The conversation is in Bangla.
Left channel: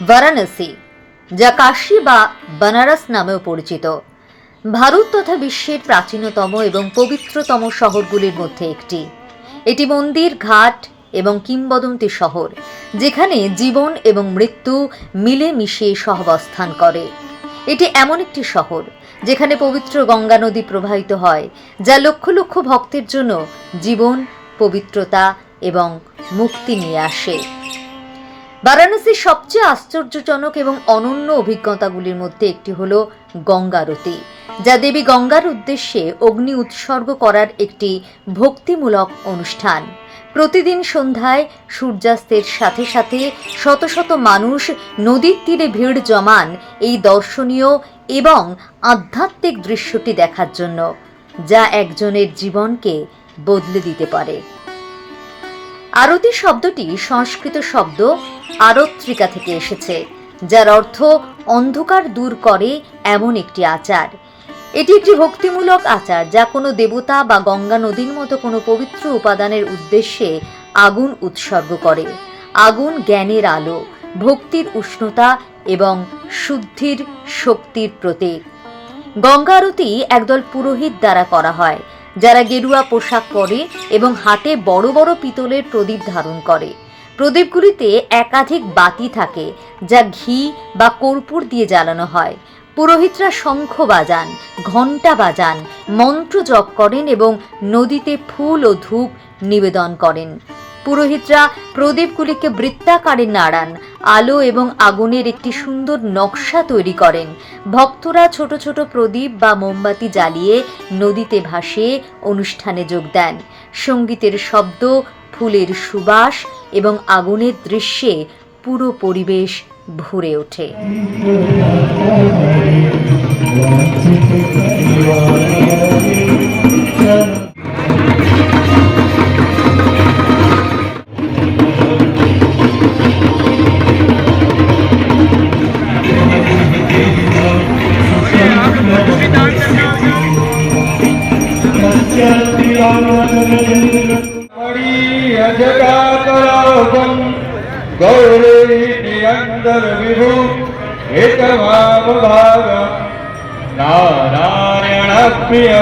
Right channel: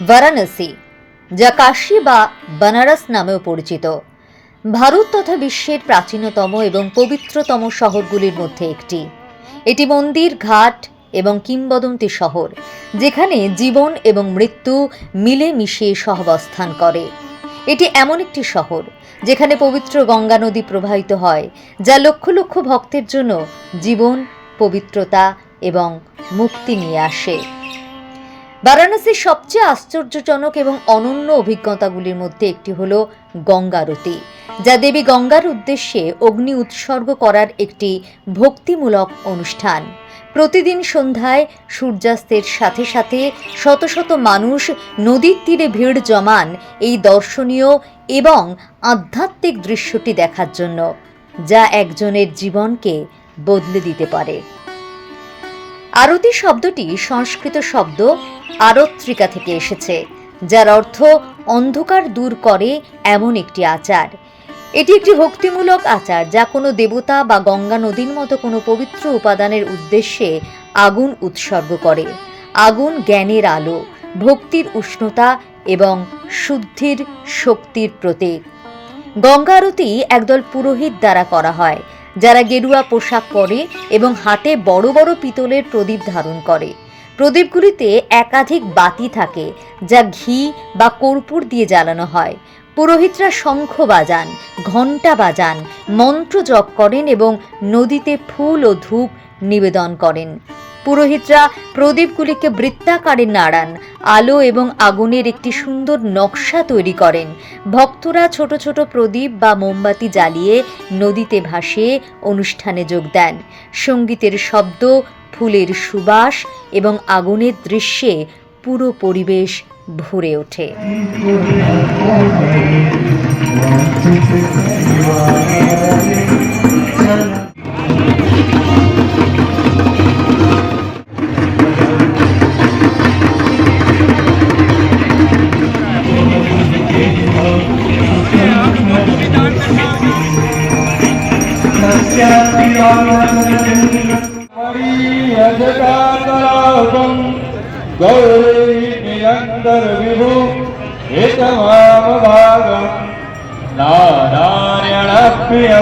বারাণসী, যা কাশী বা বানারস নামেও পরিচিত, ভারত তথা বিশ্বের প্রাচীনতম এবং পবিত্রতম শহরগুলির মধ্যে একটি। এটি মন্দির, ঘাট এবং কিংবদন্তি শহর, যেখানে জীবন এবং মৃত্যু মিলেমিশে সহাবস্থান করে। এটি এমন একটি শহর যেখানে পবিত্র গঙ্গা নদী প্রবাহিত হয়, যা লক্ষ লক্ষ ভক্তের জন্য জীবন, পবিত্রতা এবং মুক্তি নিয়ে আসে। বারাণসীর সবচেয়ে আশ্চর্যজনক এবং অনন্য অভিজ্ঞতাগুলির মধ্যে একটি হল গঙ্গা আরতি, যা দেবী গঙ্গার উদ্দেশ্যে অগ্নি উৎসর্গ করার একটি ভক্তিমূলক অনুষ্ঠান। প্রতিদিন সন্ধ্যায় সূর্যাস্তের সাথে সাথে শত শত মানুষ নদীর তীরে ভিড় জমান এই দর্শনীয় এবং আধ্যাত্মিক দৃশ্যটি দেখার জন্য, যা একজনের জীবনকে বদলে দিতে পারে। আরতি শব্দটি সংস্কৃত শব্দ আরত্রিকা থেকে এসেছে, যার অর্থ অন্ধকার দূর করে এমন একটি আচার। এটি একটি ভক্তিমূলক আচার যা কোনো দেবতা বা গঙ্গা নদীর মতো কোনো পবিত্র উপাদানের উদ্দেশ্যে আগুন উৎসর্গ করে। আগুন জ্ঞানের আলো, ভক্তির উষ্ণতা এবং শুদ্ধির শক্তির প্রতীক। গঙ্গা আরতি একদল পুরোহিত দ্বারা করা হয়, যারা গেরুয়া পোশাক পরে এবং হাতে বড় বড় পিতলের প্রদীপ ধারণ করে। প্রদীপগুলিতে একাধিক বাতি থাকে, যা ঘি বা কর্পূর দিয়ে জ্বালানো হয়। পুরোহিতরা শঙ্খ বাজান, ঘণ্টা বাজান, মন্ত্র জপ করেন এবং নদীতে ফুল ও ধূপ নিবেদন করেন। পুরোহিতরা প্রদীপগুলিকে বৃত্তাকারে নাড়ান, আলো এবং আগুনের একটি সুন্দর নকশা তৈরি করেন। ভক্তরা ছোট ছোট প্রদীপ বা মোমবাতি জ্বালিয়ে নদীতে ভাসিয়ে অনুষ্ঠানে যোগ দেন। সঙ্গীতের শব্দ, ফুলের সুবাস এবং আগুনের দৃশ্যে পুরো পরিবেশ ভরে ওঠে। गौरी निरंतर विभु हितमाम भागम नारायण प्रिय